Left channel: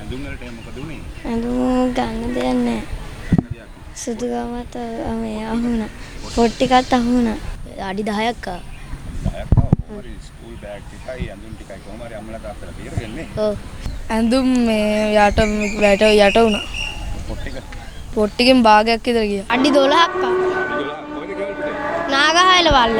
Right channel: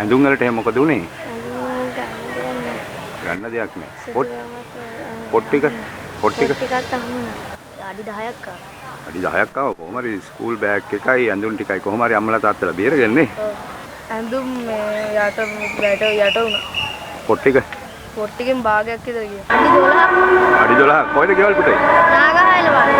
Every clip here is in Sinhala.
ඇඳුම් වලට එහෙම මොකද උනේ? ඇඳුම් ගන්න දෙයක් නැහැ. ගන්න දෙයක් නැහැ. සුදුගාමත් පොත් ටිකත් අහුණා. අඩි 10ක් ආවා. අඩි 10ක් ආව කොහොම හරි ස්කූල් බෑග් එකයි ඇඳුම් ටිකයි කොහොම හරි අම්මලා තාත්තලා බේරගන්නේ. ඔව්. ඇඳුම් මේ යට වුණා. පොත් ටිකෙන් භාගයක් විතර ගියා. අඩි 12ක්. අඩි 12ක් කොහෙද ගෙවල් පුතේ? නාගහයිල වල.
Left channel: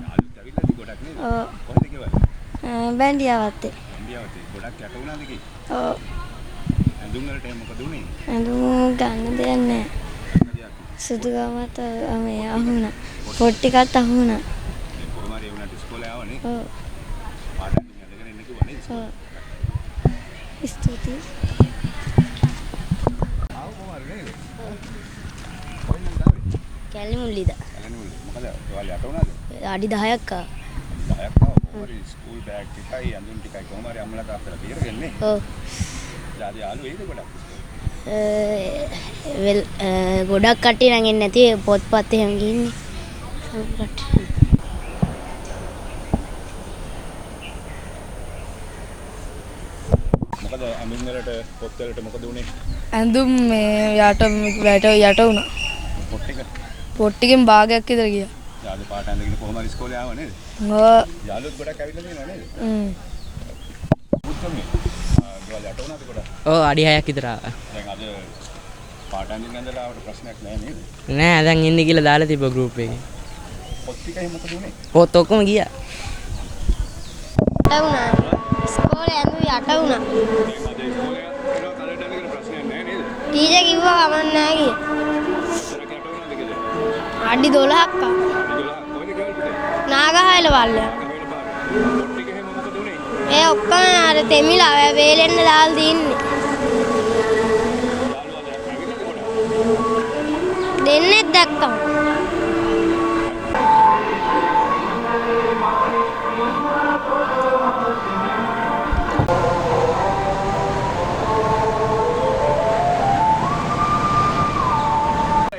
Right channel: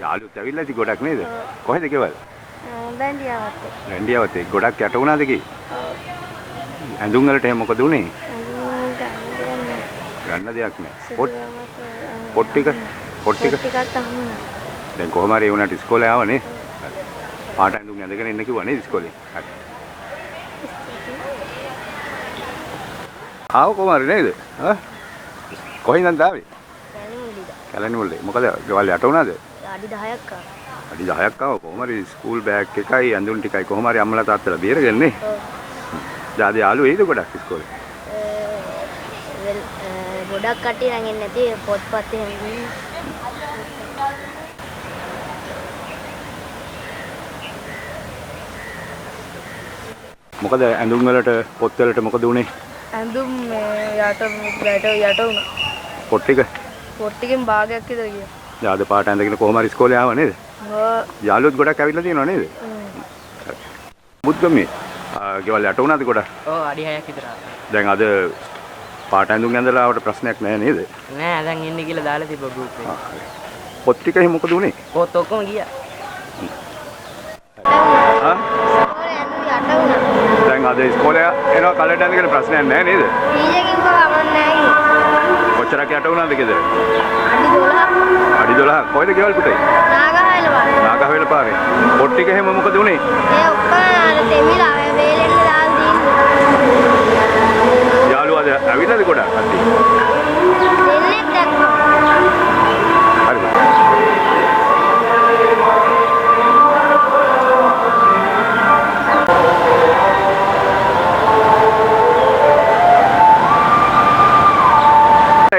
යාළුවොත් ඇවිල්ලාද ගොඩක් නේද? කොහෙද ගෙවල්? බැන්ඩියාවත්. රැන්ඩියාවත් ගොඩක් යට වුණාද කි? ඔව්. ඇඳුම් වලට එහෙම මොකද උනේ? ඇඳුම් ගන්න දෙයක් නැහැ. ගන්න දෙයක් නැහැ. සුදුගාමත් පොත් ටිකත් අහුණා. දැන් කොහොම හරි ඒ වුණාට ඉස්කෝලේ ආවනේ. ඔව්. පාට ඇඳුම් ඇඳගෙන ඉන්න කිව්වා නේද ඉස්කෝලේ? ආව කොහොම හරි නේද? කොහෙන්ද ආවේ? කැලණිමුල්ලිද. කැලණිමුල්ලේ. මොකද ගෙවල් යට වුණාද? අඩි 10ක් ආවා. අඩි 10ක් ආව කොහොම හරි ස්කූල් බෑග් එකයි ඇඳුම් ටිකයි කොහොම හරි අම්මලා තාත්තලා බේරගන්නේ. ඔව්. දාද යාළුවෝ එයිද ගොඩක් ඉස්කෝලේ? ගොඩක් කට්ටිය නම් එන්නේ නැති පොත්පත් එහෙම ගිහින්. මොකද ඇඳුම් වලට පොත් වලට මොකද උනේ? ඇඳුම් මේ යට වුණා. පොත් ටිකෙන් භාගයක් විතර ගියා. දාද පාට ඇඳගෙන කොහොම හරි ඉස්කෝලේ ආව නේද? ඔව්. යාළුවොත් ගොඩක් ඇවිල්ලා තියෙනව නේද? බුද්ධමේ ගෙවල් යට වුණාද ගොඩක්? ඔව් අඩි 6ක් විතර ආවා. දැන් අද පාට ඇඳුම් ඇඳලා ආවට ප්‍රශ්නයක් නැහැ නේද? නෑ දැන් ඉන්නේ කියලා දාලා තිබ්බ ගෲප් එකේ. පොත් ටික එහෙම මොකද උනේ? පොත් ඔක්කොම ගියා. දැන් අද ඉස්කෝලේ එනවා කලට ඇඳගෙන ප්‍රශ්නයක් නැහැ නේද? ටීචර් කිව්වා කමක් නැහැ. කොච්චරක් යට වුණාද ගෙදර? අඩි 12ක්. අඩි 12ක් කොහෙද ගෙවල් පුතේ? නාගහයිල වල. නාගහවෙල පාරේ. පොත් ටික එහෙම මොකද උනේ? ඒ ඔක්කොම අර තෙමිලා වේලෙන්න දාලා තියෙන්නේ. යාළුවා අද ඇවිල්ලාද ගොඩක් කට්ටිය? දෙන්නෙක් දැක්කා. හරිද?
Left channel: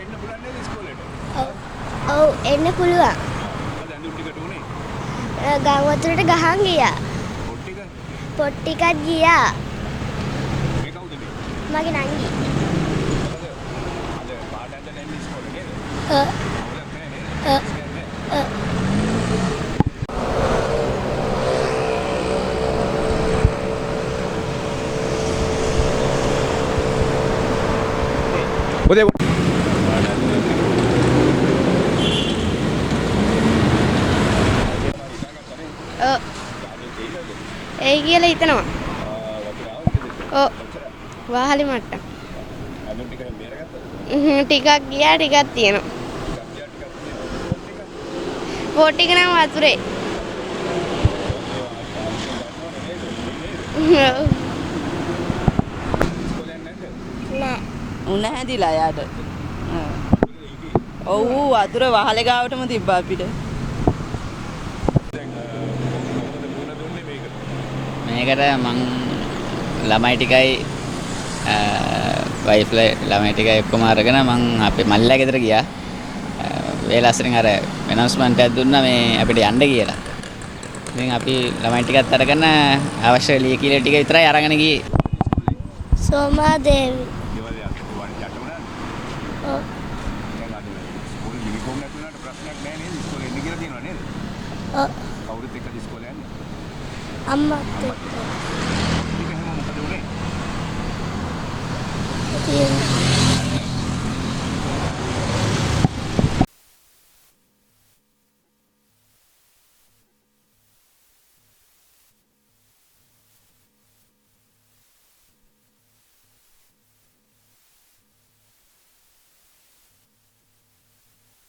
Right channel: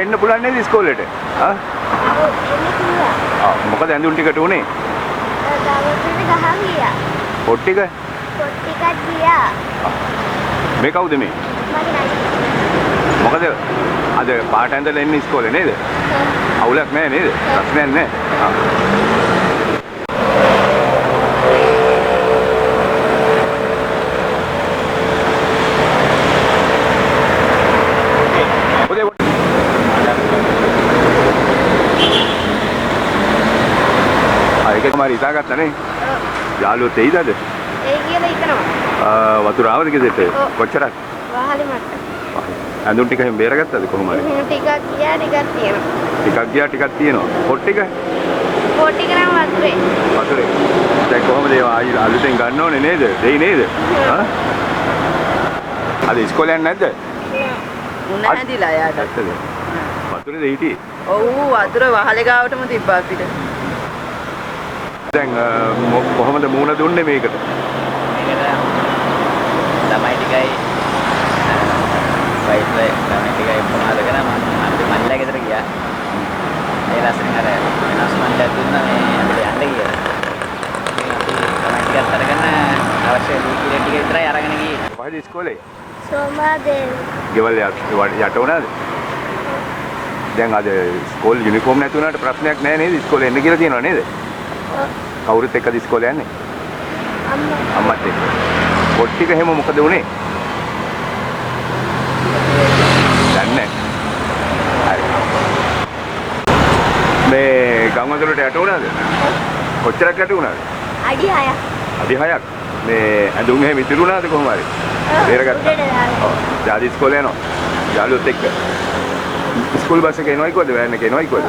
එන්න පුළුවන් නේද ඉස්කෝලේට? ඔව් එන්න පුළුවන්. මොකද ඇඳුම් ටිකට උනේ? ගාමතුරට ගහන් ගියා. පොත් ටික? පොත් ටිකක් ගියා. මේ කවුද මේ? මගේ නයි. මොකද අද පාට ඇඳලා එන්නේ ඉස්කෝලේ නේද? අවුලක් නැහැ නේද? ප්‍රශ්නයක් නැහැ. ඒක තමයි ඉතාලගත්තා නේ? ඔව්. යාළුවෝ තෙයිද අද? ඒ කියලා හිතනවා. වතුර ආවද ගෙදරට? කොච්චරක්? වාහලෙ මට්ට. ඇඳුම් ටික එහෙම බේරගත්තද කොහොමද? ටිකක් ගියා ටිකක් තියෙනවා. ටිකක් ගියා ටිකක් තියෙනවා. පොත් ටික? පොත් ටික නම් වතුරේ. වතුරේ. දැන් කොහොමද ඒවා ආයි අලුතෙන් ගන්න ඕනේ නේද? දෙයි නේද? අද ඉස්කෝලේ යන්නේ නැද්ද? නෑ. නැතිලා යාට. ඇත්තද? වතුරේද හිටියේ? ඔව් වතුර වහලේ ගාවටම තිබ්බා අපිට. දැන් කොහොමද මූණ දුන්නේ මේකට? මේකට මම ළමයි ටිකයි වයිෆ්ලා ළමයි ටිකයි ඔක්කොම අරගෙන මම අපේ මල්ලිලා ගෙදර ගියා. ඒ ලස්සනින් අර ඇනවුස්මන්ට් එකක් දුන්නා මේ අපිට යන්න කියලා. ඉතින් අපි ළමයි ටිකත් අරගෙන අවශ්‍ය ලීකිල ටික විතරයි අරගෙන ගියේ. කොහෙද ඉස්කෝලේ? සෝමාදේව. ගෙවල් යට වුණාද? දැන් අද ස්කෝල් යුනිෆෝම් නැති වුණාට ප්‍රශ්නයක් නැහැ නේද? ඉස්කෝලේ එන්න කියලා තියෙනව නේද? ඔව්. කවුරුත් එක්කද ඉස්කෝලේ යන්නේ? අම්මා. අම්මත් එක්ක. පොත් ටික එහෙම මොකද උනේ? දන්නේ නැහැ. හරි. මේ ගම්වතුරට යට වුණාද? කොච්චරක් යට වුණාද? අඩි 6ක්. අඩි 6ක්. මේ ඇඳුම් එහෙම ඉතුරු වුණාද කොහොම හරි? බේරගත්තා. ඔව්. ජාති ඉස්කෝලේ යනවා. යාළුවොත් එක්ක. ස්කූල් බස් එකේ එනවයි කොහෙද? වෑන් එකේ එනවයි කොහෙද?